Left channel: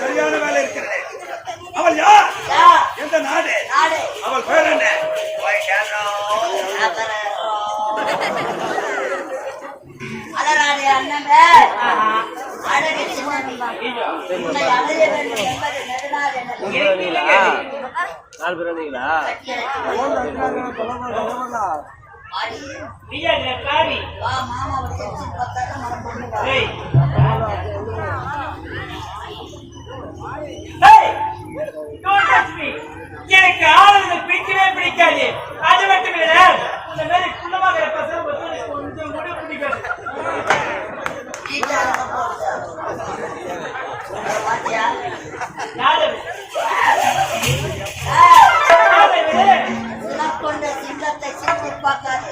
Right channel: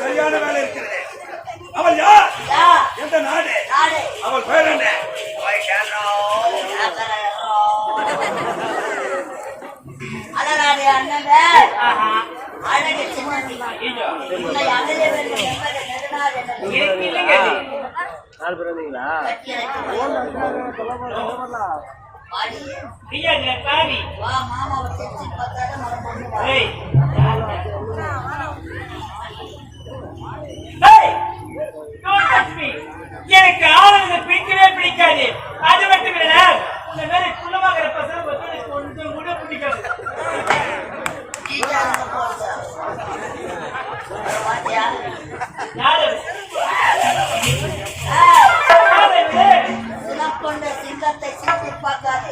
சரியான வேலை இருக்கிறது. அவள் யார்? எந்த நாடு? அவள் பெயர் என்ன? அழகாடி அண்ணன் அழகு சின்ன உன்னை அடைய வேண்டும் என்பது நெடுநாள் மாமாவை தெரிஞ்சு பார்த்தாலும் மரம் பண்ணுவாங்க. எனக்கு ஆளுநர்கள் பிடிக்கவே பிடிக்காது. அது மட்டும் இல்ல, இந்த மாதிரி குள்ளமாக பசங்க கொஞ்சம் கூட பிடிக்காது. கொண்ட சிங்கத்தை சிந்தி பார்க்காது.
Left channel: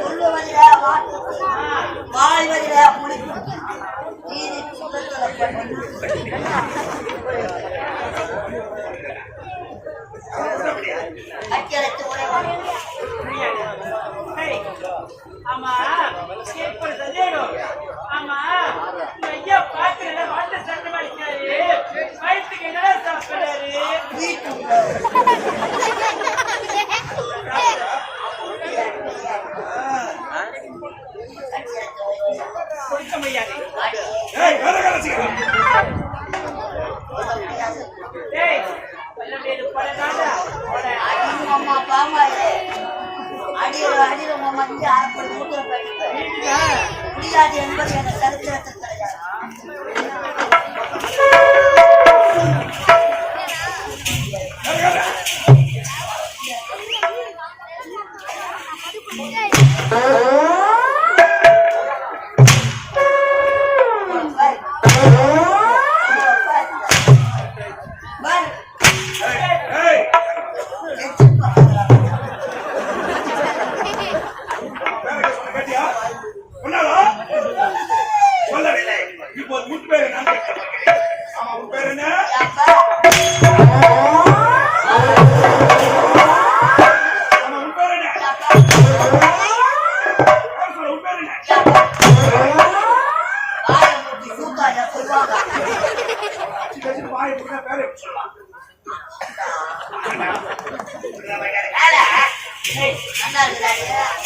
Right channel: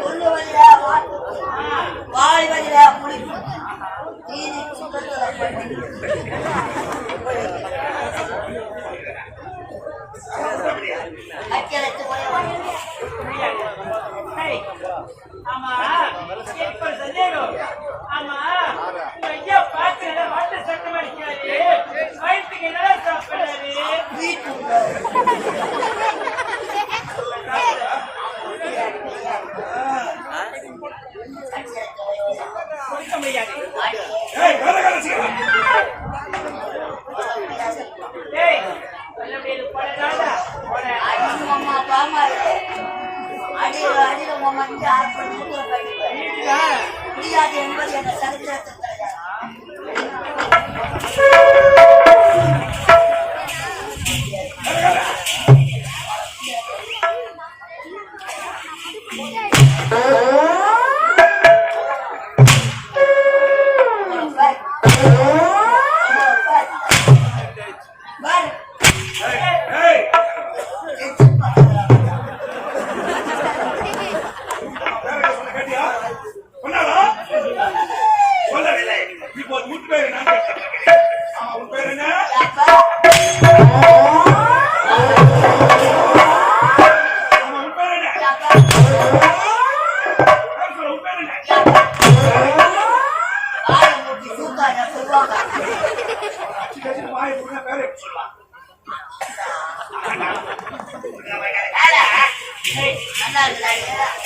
சொல்லுவதில மாட்டு வாழ்வதில புளிப்பு தீனி சுகத்துல பண்ணி அச்சரத்து ஆமா ஒரு சந்தேகம். ஆமா ஐயா பாத்து வாட்ட சட்டம் அடிக்காரு, வயிற்றுக்கு என்னடா சாப்பிடுறாரு? கொடுக்க முடியாது. அம்மா பாமா அடியில அடியில மஞ்சள் அரைப்படி மூத்திர முடியாது என்பது என சரித்திரத்தில் கிடையாது. சொல்லுவா ஏய், நல்லா இருக்கிறாரு.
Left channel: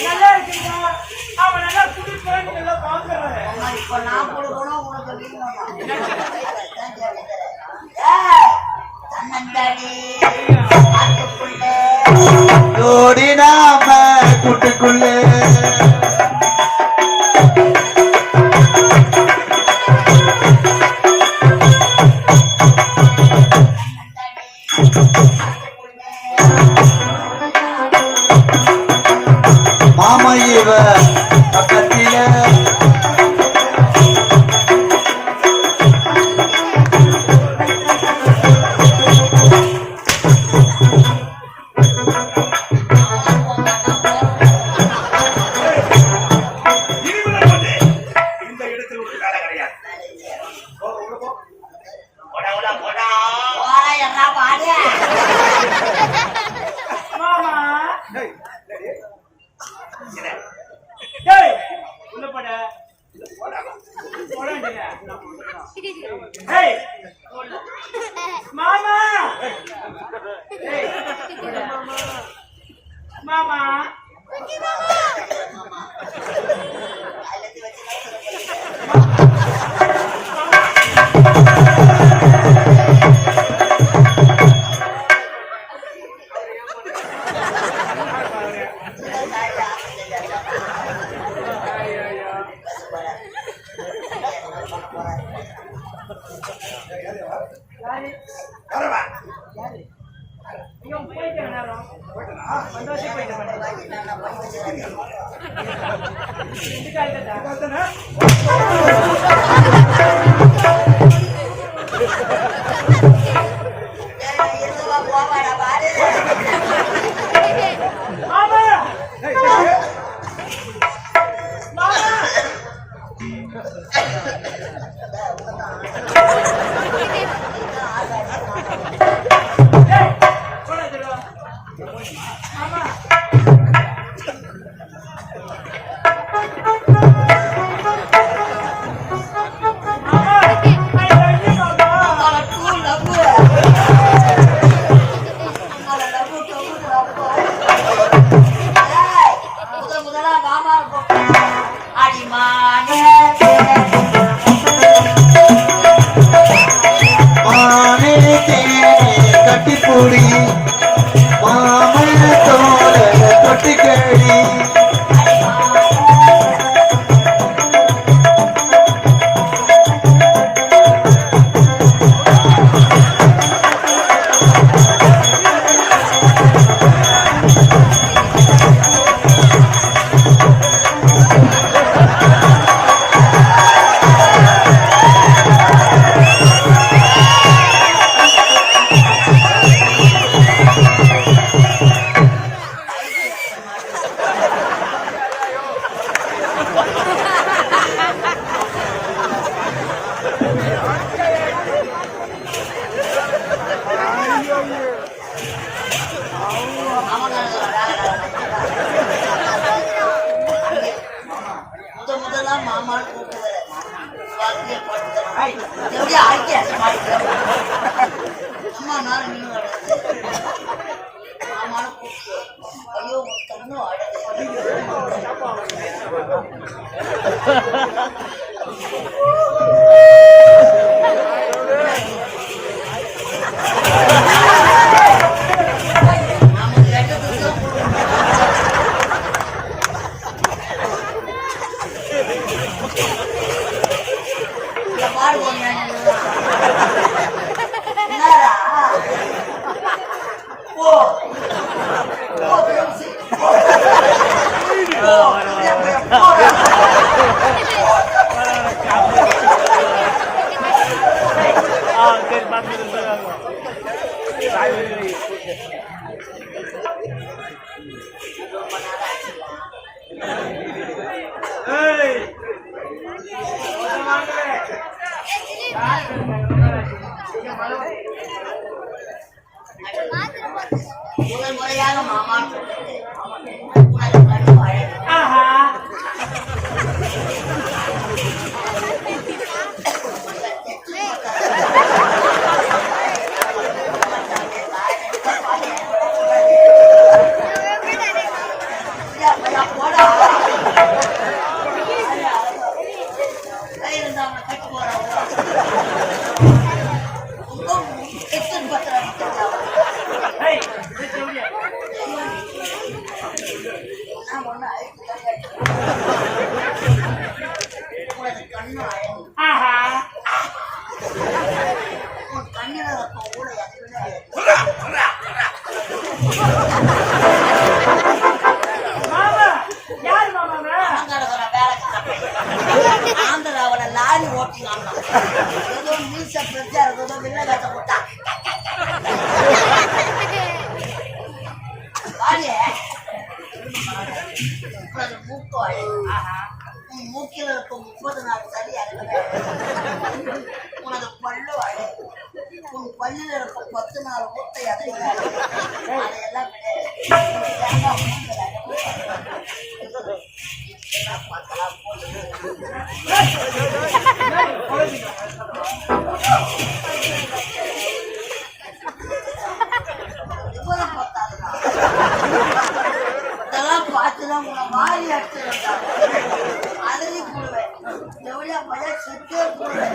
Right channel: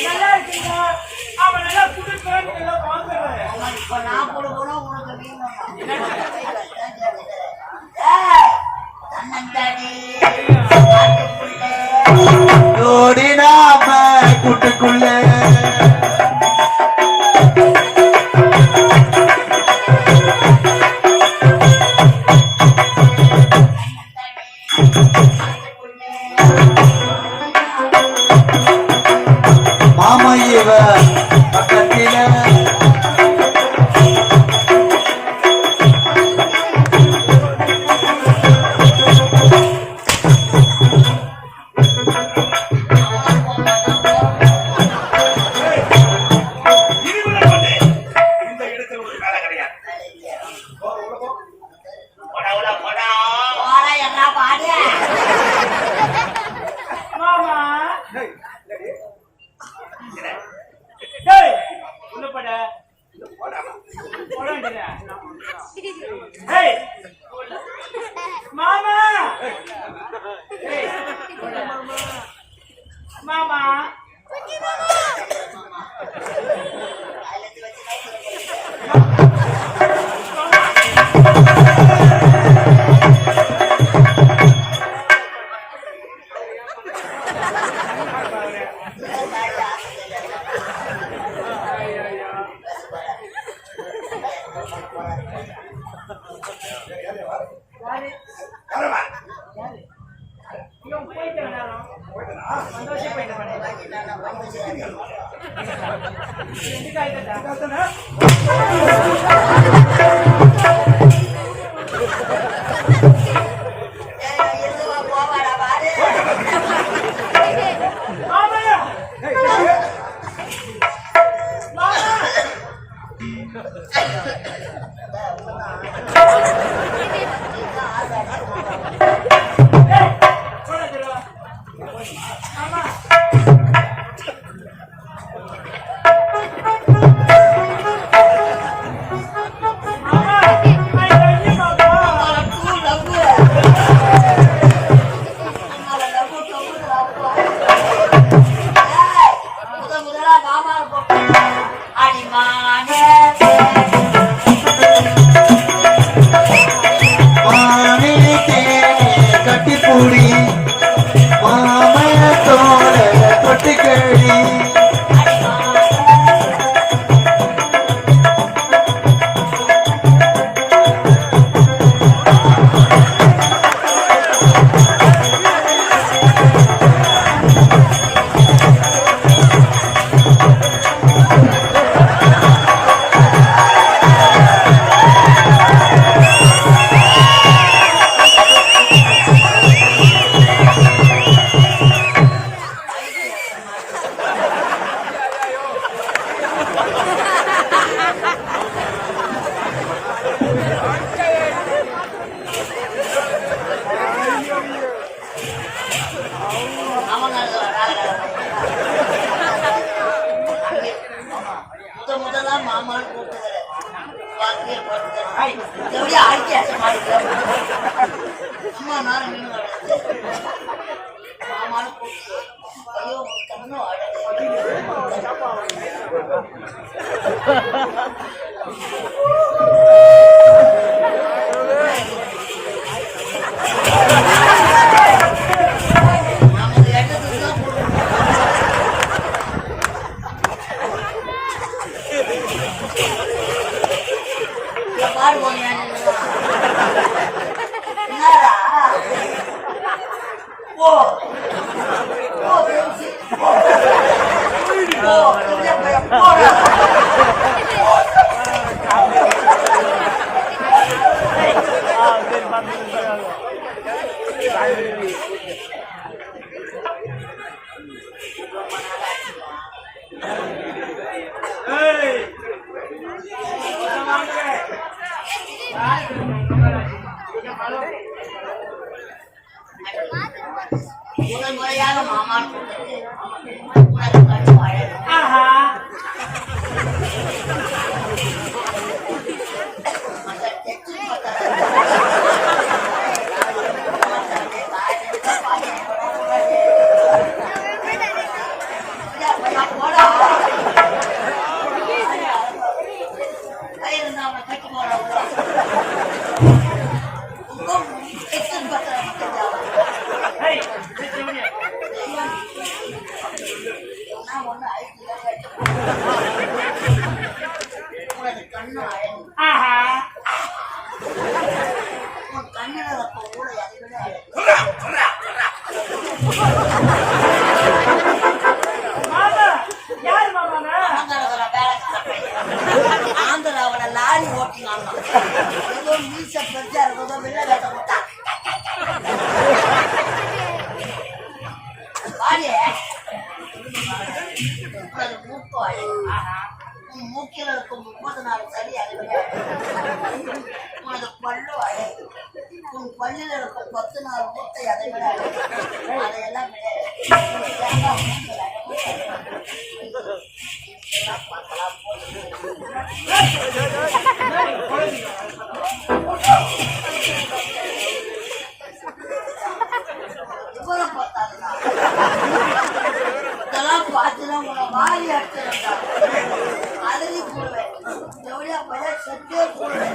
நல்லா இருக்குங்க. அவன் நல்லா குடுக்குறான், நல்லா பாக்குறேன். இப்ப நான் கொடுக்கணும், உனக்கு வீங்கணும். அதைத்தான் கேட்டுக்கிறேன். ஏய், தன்னந்தானே காட்டுக்குள்ளே ஜோடி நாம கூட்டுக்குள்ள மாமா இவ பக்கத்தில இருபது வந்து இந்த இடத்தில் ஒரு வேலை கிடையாது. போ, உள்ள போ. போடா, உள்ள போடா. போடா, என்ன பாடு? மாமா ஏய், என்னடி? என்ன? ஏய், உள்ள போட. இல்ல, போடாமா. போட வேண்டியதா? ஏய், மாமா ஏய், மாமா அதுலேருந்து வச்சுதான் சொல்ல யாரு யாரம்மா? யாரு இவன் போயிட்ட நேரம் போயிட்டனா? சந்தோஷம் போயிட்டவனே ரெண்டு காய்கட்டா பார்த்தானே? இருந்துவா போவாடா பாரு. மாமா ஏய், ஏய், மாமா ஏய், போட திருவா மாமா மாமா ஐ லவ் யூ மாமா லவ்வு, லவ்வு. உங்களை லவ்வு, தொவ்வு, லவ்வு. ஏய், முதலா மாமா இருக்கும். அடிமானே மானே கட்டிப்பூடி மாம தோட தொட்டிக்கடி முதலா மாமான்னு கூப்பிட்டுக்கிறேன். வாத்தியை போட்டுக்கிறேன். எப்படியா ஐக்கிய அம்மா நானும் மீன் மாமான்னு கூப்பிட்டு ஐயோ உன் கண்ணும் அழகு. நமக்கு எட்டத்துக்கு தான் இந்த பாடு போனியா என்னடா ஓ ரொம்ப நாள் ஆச்சுமா. ஏய் வாங்க யார் இருக்காங்க முதல் முறையாக மாமான்னு கூப்பிட்டு உனக்கு கண்ணும் அழகு. ஆஹா தெற்கு ஏய், இது செவடியா. கண்ணு அழகு ஆஹா. உன் கண்ணில இருக்க ஊழல் அதை விட அழகு. சொல்றா சொல்றா சொல்றா மாமா, யாரு மாமாங்க? ஆந்திராவுல வேலைக்கார பையன். ஆந்திராவுல லாரி ஓட்டினான். ஏதோ மீச பெருசா இருக்கிறதோ வில்ல கட்ட போட்டான். வாடியே. உனது மூக்கு அழகு. ஆஹா. உன் மூக்கில் இருக்கும் 34 சரி அதை விட அழகு. உனது பல்லு அழகு. உன் பல்லில் இருக்கும் 14 மூட்டை அதை விட அழகு. அதையெல்லாம் விட உன் தேங்காய் மூக்கில் அழகு அழகு. இதெல்லாம் பார்க்கலாம் போது. இவ்வளவு பார்த்தாதுடா. இதெல்லாம் பார்த்துதான் உன்னை வாரி அடிச்சுடா. அழுதி போடுவேன். எவ்வளோ பையா செத்தே போடுவேன்.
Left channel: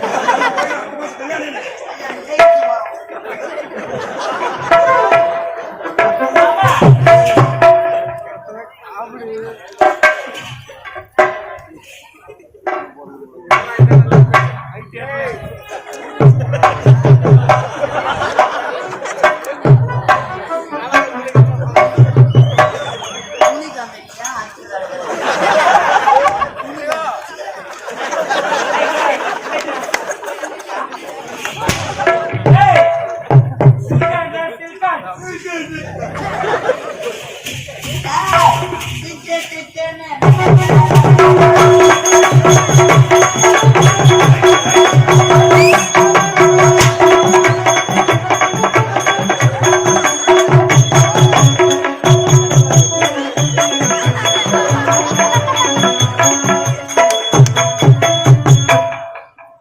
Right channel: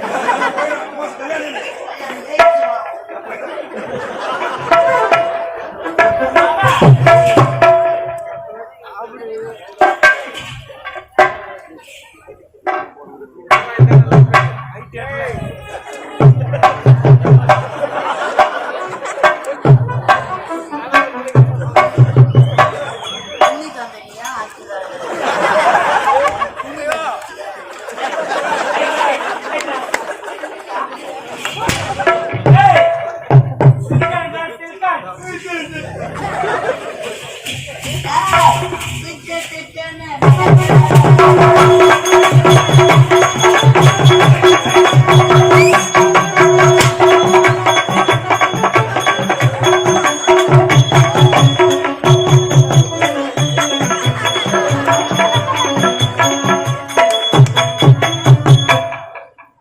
கல்யாணம் ஜெயிச்சு வரும். துணி கம்பெனியா ஆட்சிக்காரர்கள். துணி ஏய், சிரிக்காதடா, சிரிக்காத.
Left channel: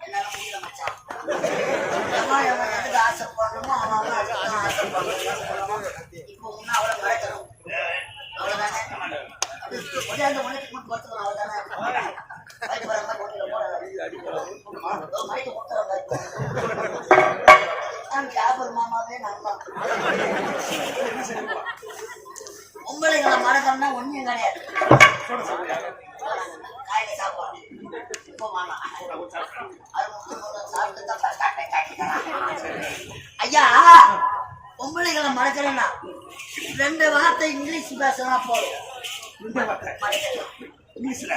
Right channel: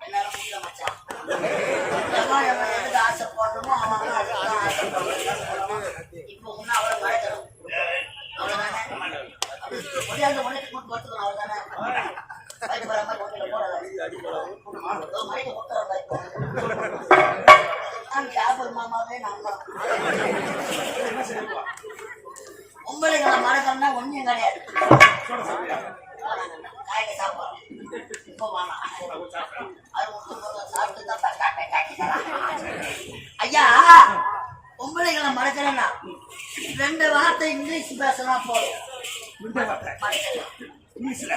என்னால முடியல மச்சான். எவன் எவன் எதுக்கு ஆசைப்படுறோமோ அவன் அவன் அதுக்குதான் ஆசைப்படுறான். இப்போ உன்ன அவளை மறைக்கணும். அவ்வளவுதானே? அப்படி கொண்டாந்து உனக்கு மட்டும் பார்த்துக்கணும். அவ்வளவுதானே? பயப்படுற மாதிரி ஒன்றில போடாத. ஏதோ மறைக்க கொடுத்துற மாதிரி. ஜாபர் மாமாவே நான் தான். பொம்பளைங்களை மறக்கணும்னா ஒன்றும் கிடையாது. காய்கறி சாப்பாடு இப்போ வேணாம். சாப்பிட்டு தான் ஐயா பொம்பளைகளை மறக்கிறேன்னா 2 வார்த்தை இங்கிலீஷ் பேசினா போதும். இந்த வார்த்தை மறக்கலாம். இங்கிலீஷ்ல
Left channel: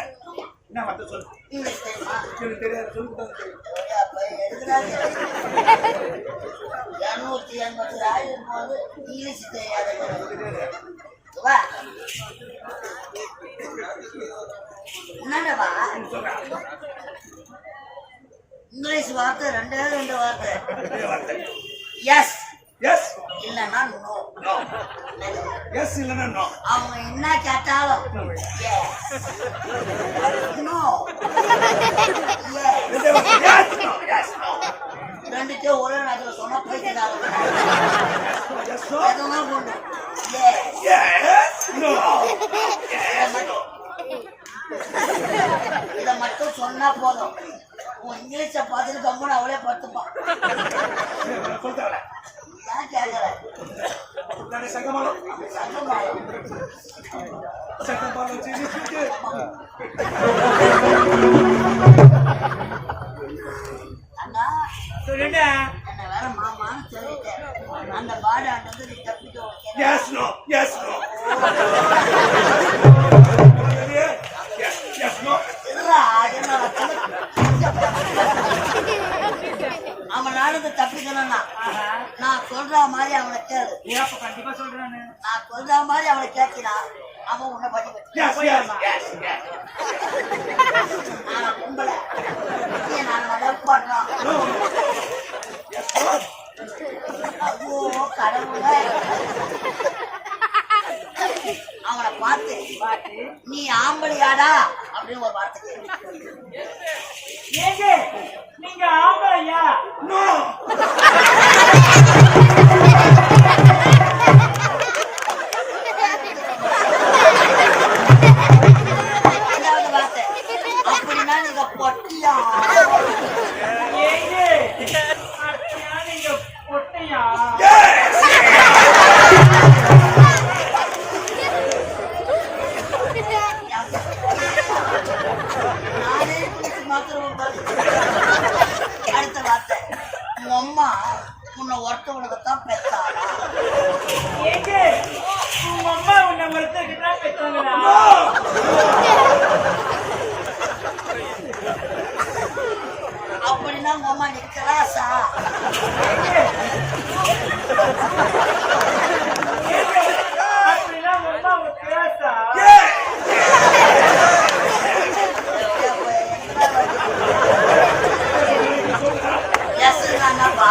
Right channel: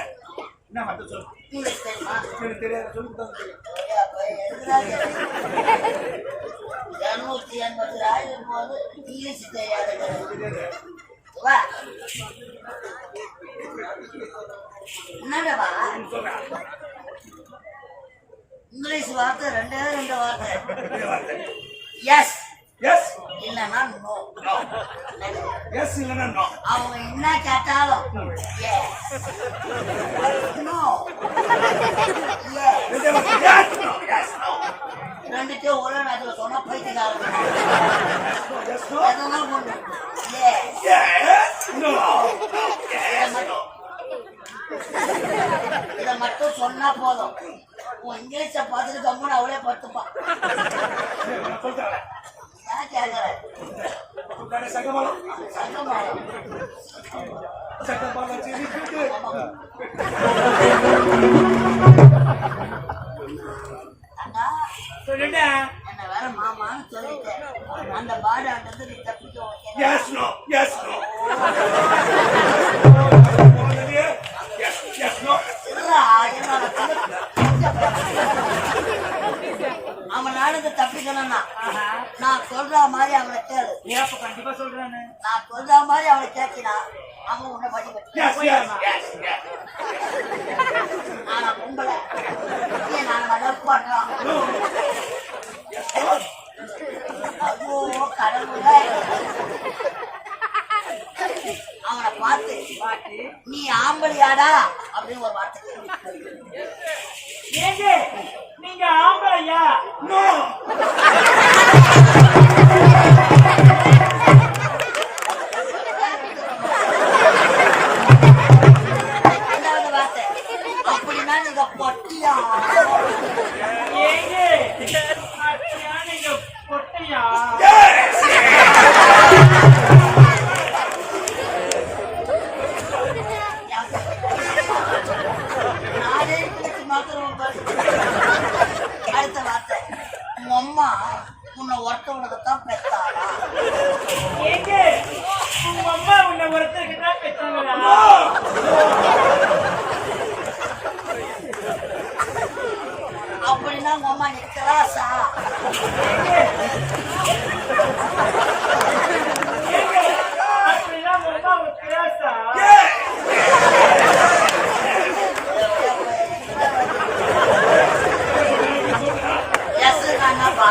என்ன வார்த்தை சொல்லு. இங்கிலீஷ் தெரியுமா? எனக்கு தெரியாது சொல்லி கொடுத்தா தெரியும். எழுதுறாங்க 280 இருக்கும்போது இங்கிலீஷ் தெரியாது. என்னடா சொல்றா இங்கிலீஷ் வார்த்தை 2 வார்த்தை. இதே வார்த்தை எஸ் எஸ் இல்லைன்னா நோ. நோ எஸ் இல்லைன்னா நோ. அவங்க என்ன கேட்டாலும் நோ. இதே வார்த்தை எஸ் நோ எஸ் நோ. ரெண்டுத்தையும் ஒரே நேரத்தில் சொன்னா பைத்தியக்காரங்க. எஸ் நோ எதெல்லாம் கொண்டு எஸ் நோ எஸ் நோ. இதை மட்டும் சொன்னா போதும். உன் இங்கிலீஷை பார்த்துட்டு கம்முன்னு அவளே படுத்துப்பான். சொல்லிட்டாங்களே ஏன் கேட்கற? அப்படித்தானே சங்கமாலம் சங்கமாலம் சங்கமாலம் வச்சு அண்ணா சொல்லுடா. என்ன வேற மாமான்னு சொல்லிட்டேன். அந்த பாடாண்டது நீ தப்பிக்க okay. Yes no yes no yes yes no. என்னோட அவன் நாளுக்கு தப்பிக்கணும்னா நான் சொல்ற மாதிரி அவனை கேளு. நீ அப்ப கண்டிப்பா சொல்றானு. நான் சொல்ற மாதிரி அவனை கேட்கினா அவன் உன்னை படி வச்சு. Yes yes yes yes. ஆனா பொம்பளை நாங்க லவ் பண்றோம். Yes no. ஐயோ கடவுளே. அவனை பார்த்து நீ ஆம்பளையாடா அப்படின்னு ஒரு வார்த்தை கேளு. ஏங்க நீங்க ஆம்பளையா? நோ. ரெண்டாவது வார்த்தை அப்படின்னா நீங்க பொட்டியா? ஏங்க நீயா? Yes. நானே தூக்கி மாத்திரம் அடுத்த வார்த்தை உங்க அம்மா உன்னை ஒருத்தவனுக்குத்தான் பெத்தாளா? ஏங்க உங்க அம்மா உன்னை ஒருத்தருக்கு தான் பெற்றாங்களா? அப்படின்னா உங்க அம்மா நிற்கிறாசா? ஏங்க அப்படின்னா உங்க அம்மா ஒரு கிளாஸா? எஸ் அண்ணாப்பா,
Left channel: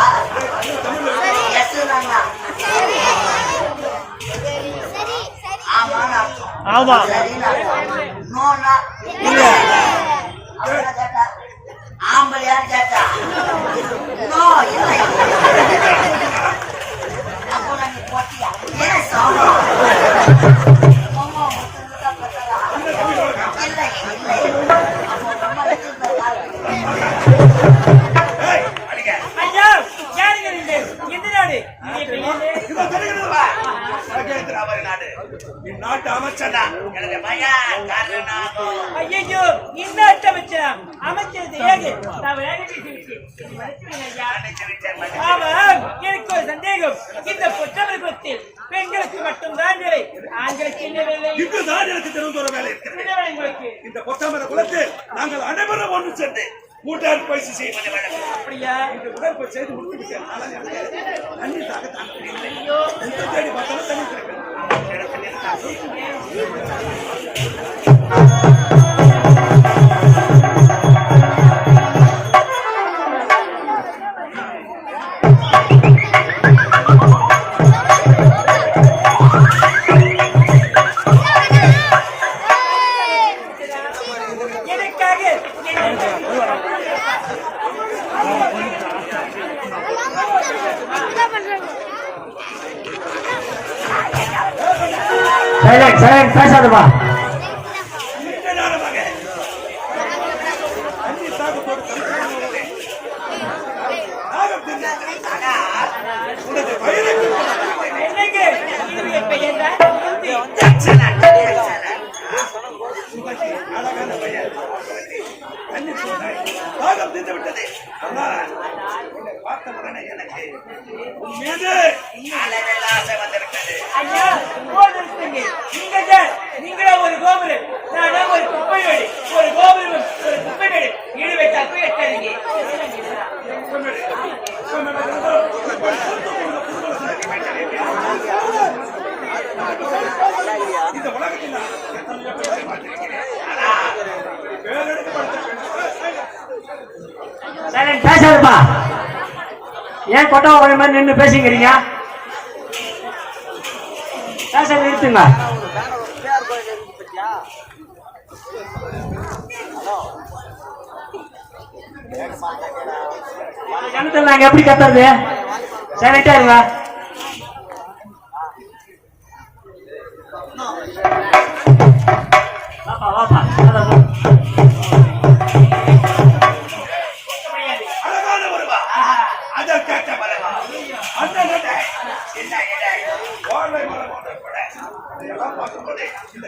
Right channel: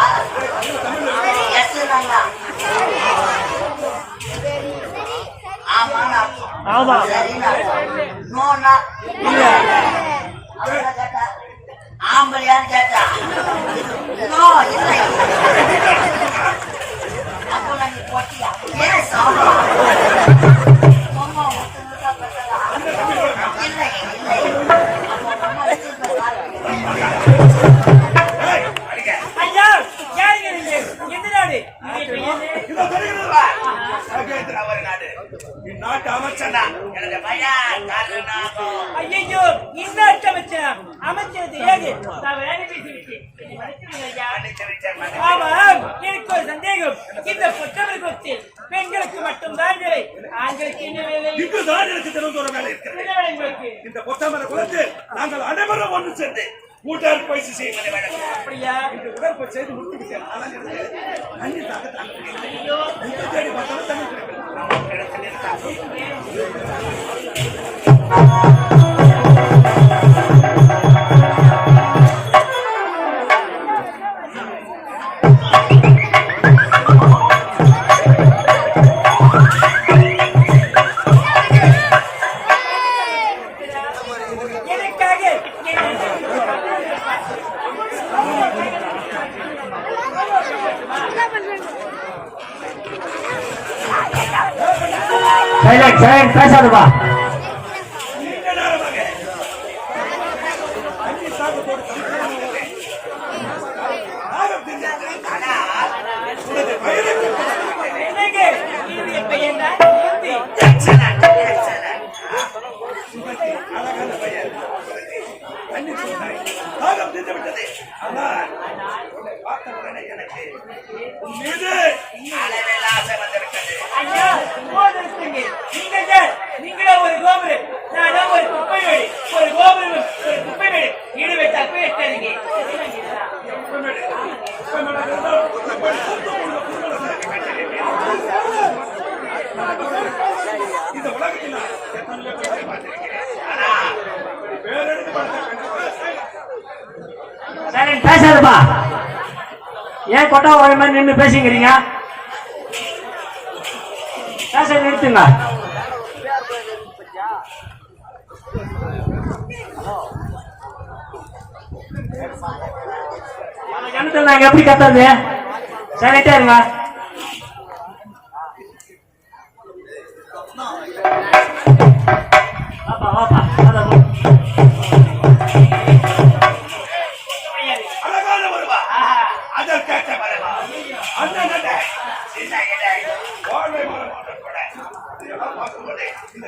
எஸ் அண்ணா. ஆமா சரிண்ணா. நோண்ணா இல்ல. அவரை கேட்டா ஆம்பளையான்னு கேட்டா நோ இல்லை. அப்போ நான் நீ போட்டியா? ஏன் சாமா? அம்மா ஒருத்தவங்க தான் பெற்றதா? இல்லை இல்லை. அப்போ அம்மா எடுத்து Hey, அடிங்க. ஐயா யாருங்க நீங்க? எந்த நாடு? இதோ தெரிகிறதா? மகேந்திரா ஒரு நாடு. இந்நாட்டு அமைச்சன் தான். எனது பையன் கருணாகம். ஐயோ இந்த அமைச்சர் அமைச்சர் தெரியாது. நான் வேலை பேசிவிட்டேன். என்னை மன்னிச்சுடுங்க ஐயா. மன்னிச்சு விட்டேன், மன்னிச்சு ஆமா எனக்கு ஒரு சந்தேகம். இந்த பொற்றவர்களுக்கு பெண்களுக்கு மட்டும்தான் வேலை, ஆண்களுக்கு என்ன வேலை? இங்குதான் எனக்கு தெரிந்த ஒரு வேலை இருக்கிறது. என்ன வேலை உங்களுக்கு? இந்த பொத்தாமர குலத்தில் நாங்கள் அனைவரும் ஒன்று சேர்ந்து உடற்பயிற்சி செய்வது வழக்கம். அப்படியா? இந்த உடற்பயிற்சி செய்து முடித்து விட்டேன். ஆனால் எனக்கு தண்ணீர் தாங்க முடியவில்லை. எங்கு தேடி பார்த்தாலும் தண்ணீர் கிடைக்கல. இடத்தில் இருந்தால் எனக்காக பேசாதப்பா. நீண்ட நேரமாக தண்ணீர் தாகத்தோடு தவிர்த்து தாகம் தெரிந்தது. ஆனால் உனது வயதை எனக்கு என்னுடைய பெயர் தான் சுகந்தி. அழகான பையன் தண்ணீர் சூடாய் தாகம் தீர்ந்து விட்டது. ஆனால் உன்னை பார்த்த உடனே எனக்கு உன் மீது அளவில் ஆசை வந்துவிட்டது. ஐயா போதுங்க. நீங்கள் தான் நீங்களே ஒரு கோபுரம், நானே ஒரு குப்பை வீடு. ஒரு கோபுரம் ஒரு குப்பை வீடு ஈடு வைத்தால் போய் எட்டாதீங்க. இந்த உலகத்தில் நான் எத்தனையோ பேரை பார்த்திருக்கிறேன். ஆனால் பேரெடுக்கப்பட்ட சைலண்ட் பேசாதப்பா. ஏன் கொட்டா ஒரு மாதிரி நின்று பேசிக்கிறீங்க? பேச நிறுத்துங்க. ஜனத்தில் நாங்க எப்படி கத்துறது? சைலண்டா இருங்க. வாப்பா வாப்பா அதான் போ. அழகான வருவா அதற்கேற்ற மரமா அந்த நடை இந்த இடை வாழ்வை மரமான கூட இதையெல்லாம் பார்க்கும்போது இந்த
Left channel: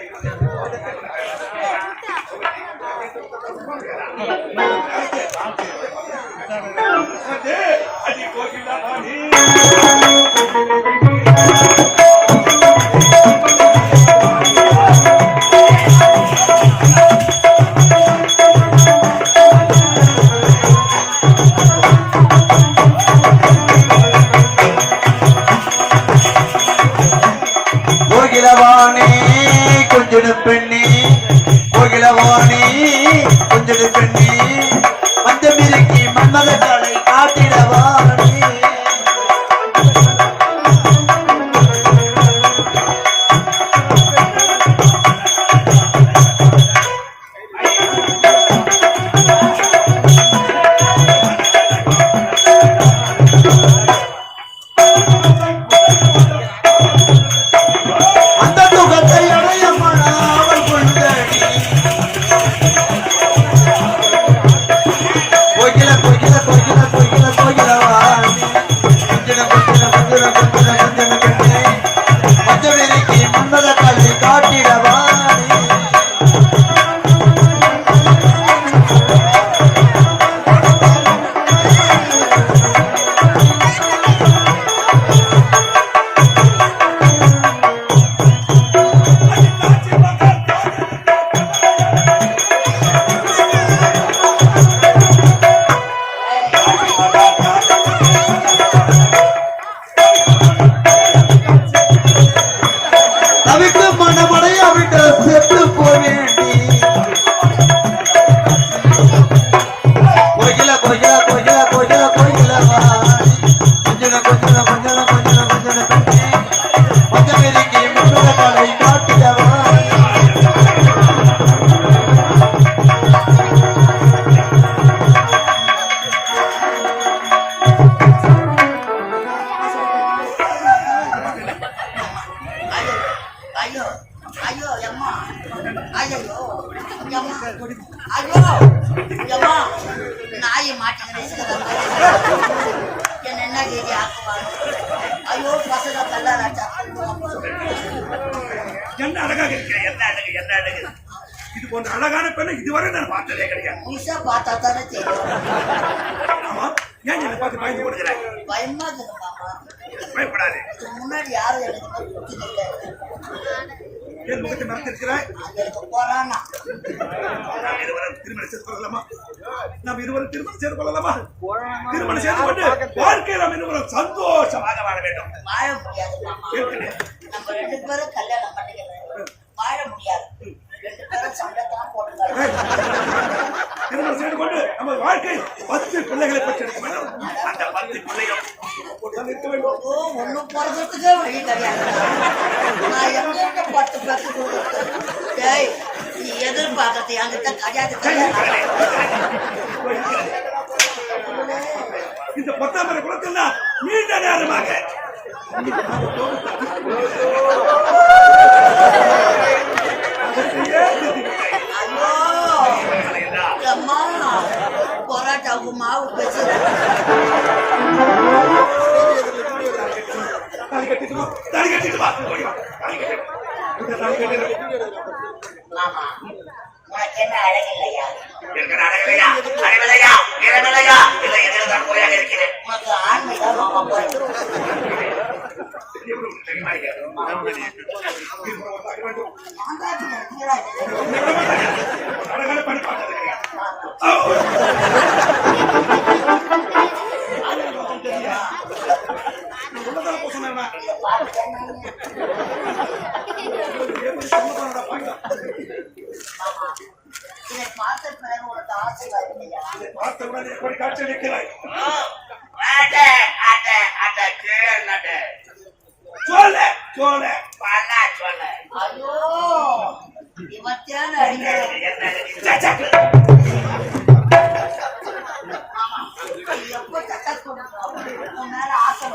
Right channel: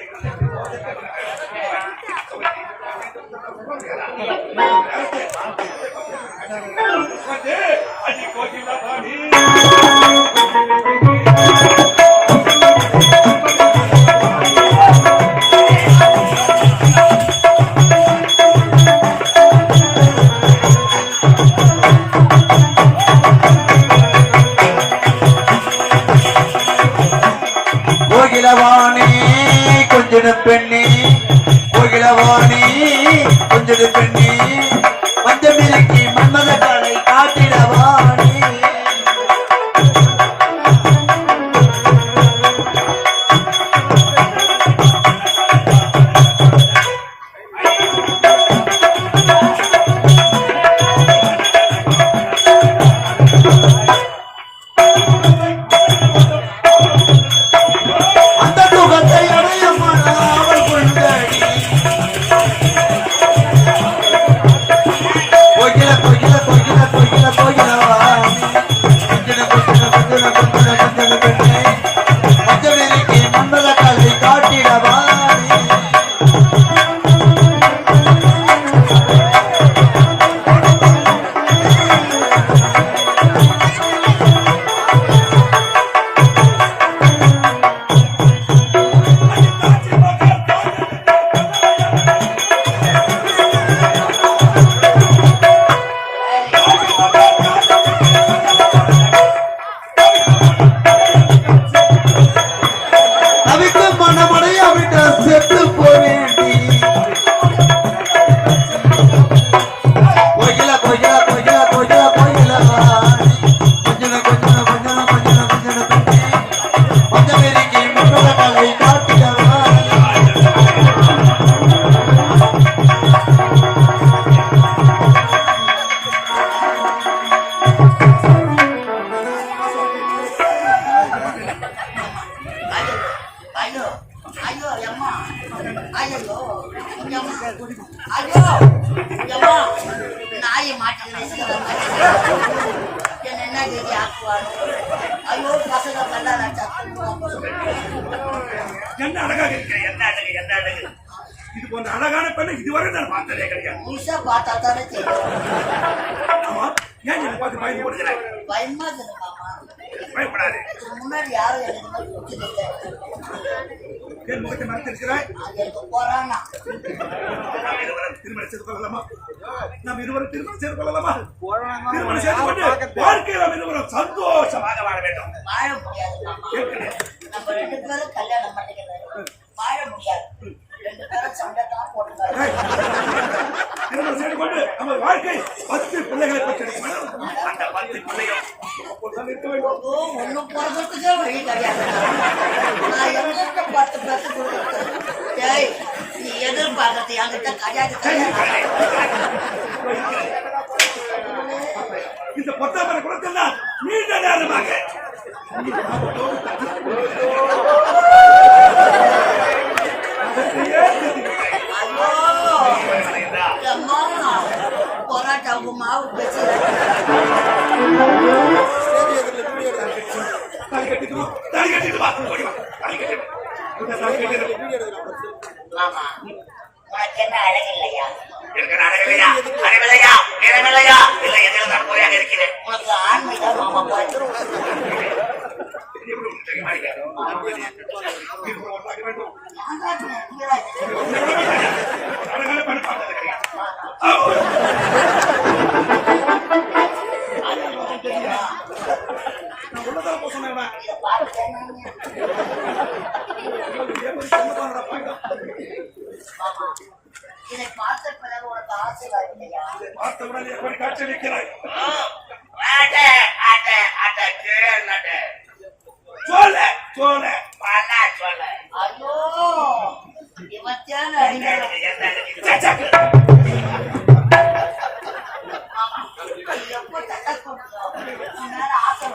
அடி கோகில பாணி கோயில கோயில கோயில கோயில கொஞ்சம் கொஞ்சம் கொஞ்சம் கொஞ்சம் கொஞ்சம் கொஞ்சம் பெருக்கி முன்னத கலை காட்டியவா ஐயோ ஐயோ அம்மா ஐயோ அம்மா ஐயோ அம்மா நாயை மாட்டுகிறேன் என்ன என்ன கேதி ஆக்குவானோ ஐயோ பசங்க கல்லால என்ன அழகாக இருக்கிறேன், என்ன அழகு, என்ன அழகு. இது போன்ற அழகான பெண்ணை இதுவரை நான் பார்த்ததே கிடையாது. முழுசா பார்த்தா தானே தெரியும். ஆமா, ஏன் என்னை பார்த்து பயந்து கொடுக்கிறாய்? பயமா இருக்குது மாமா. பயப்படாது. இதுக்கு முன்னாடி யாரும் எனக்கு கொடுத்ததில்லை. என் முகத்தை மறைத்திருக்கிறாய். அது எனக்கு போறானா நாம் இருவரும் திருமணம் செய்து கொள்ளலாமா? நாம் இருவரும் திருமணம் செய்து கொள்ளலாமா? திருமணம் செய்து கொண்டு வாழ்க்கையில் நாம் இருவரும் சந்தோஷமாக வாழ வேண்டும். வாழ முடியாது மாமா. கேட்கிறேன். நம்ம 2 பேரும் கல்யாணம் பண்ணிக்கிறோம். வாழ முடியாது. 2 பேரும் சண்டை தான் போட்டுக்கலாம். திருமணம் செய்து கொண்டு நமது வாழ்க்கை 10 பிள்ளைகளை பெற்றெடுக்க வேண்டும். அந்த 10 பிள்ளைகள் அப்போதுதான் இருக்க வேண்டும். ஒன்னும் போறதுக்கே வழி கிடையாது. நான் எங்க 10 பேருக்கு கொடுக்குறது? டேய், நீ எதிர்பார்க்கறது என்கிட்ட கிடையாது. இந்த பொத்தாமரை குளத்தில் தான் நீண்ட நேரமாக அம்மா பொராட்டாவுக்கு மாவு பேசுறேன். மாமா, உனக்கு என்ன அழகில்லையா? உனக்கு ஆண்மைதான் மாமா இதை பார்த்த பிறகு உனக்கு ஆசை வரவில்லையா? பார்த்தவுடன் எப்படி காட்சியளிக்கிறாய்? ஐயோ, இவன் அடிக்கிறேன். மாமா, நீ எப்போ தட்டை கொடுக்கும் உன் மேல ஆசை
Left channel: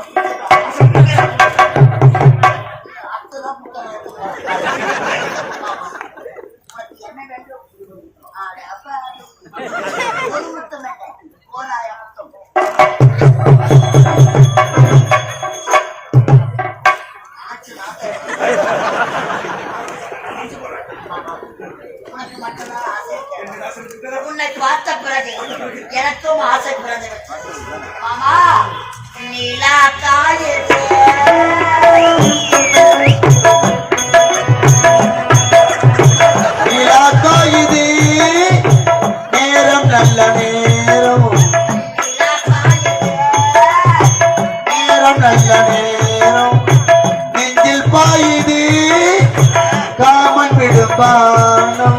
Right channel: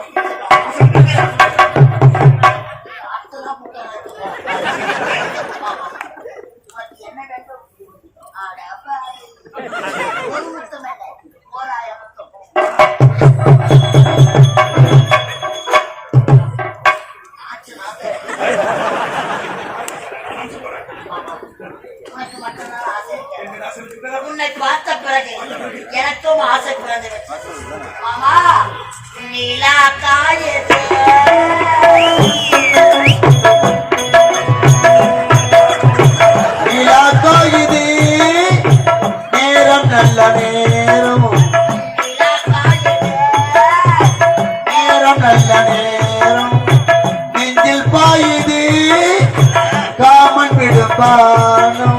அடுத்ததான் புத்தகம் எடுத்து மாமா, உனக்கு என்ன வேண்டும்? ஒரு முத்தம் என்ன, 1000 முத்தம். உனக்கு மட்டும்தான் ஆசை இருக்கு. உன்னை பார்த்த பிறகு எனக்கும் ஆசை பிறந்து விட்டது. மாமா, நிலா தாயது இது நேரம் நல்ல நேரம் நேரம் நல்ல நேரம் நெஞ்சில் பாயுது காமன் விடுப்பானம்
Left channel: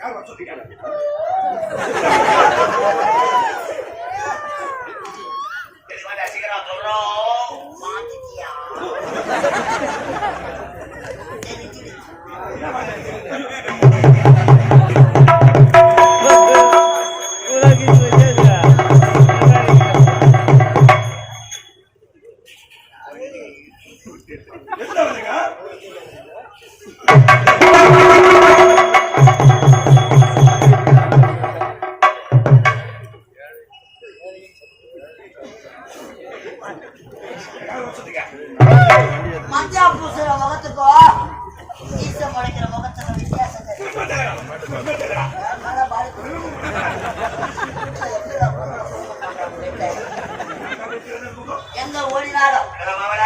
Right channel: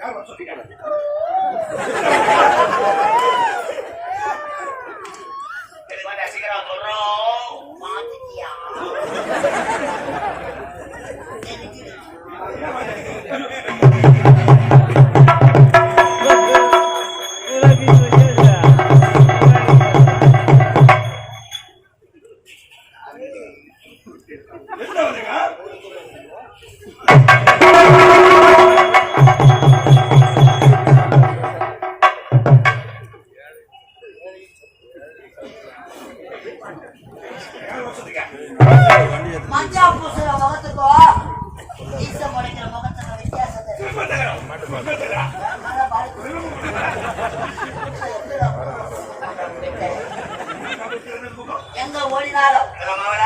யார் வர சொல்றீங்க? மாத்திட்டியா? என்ன வந்துங்க? மஞ்சா பூசுற முகத்துக்கும் ஈச முளைக்கிற முகத்துக்கும் வித்தியாசம் எங்க ஓடினாலும் மாவள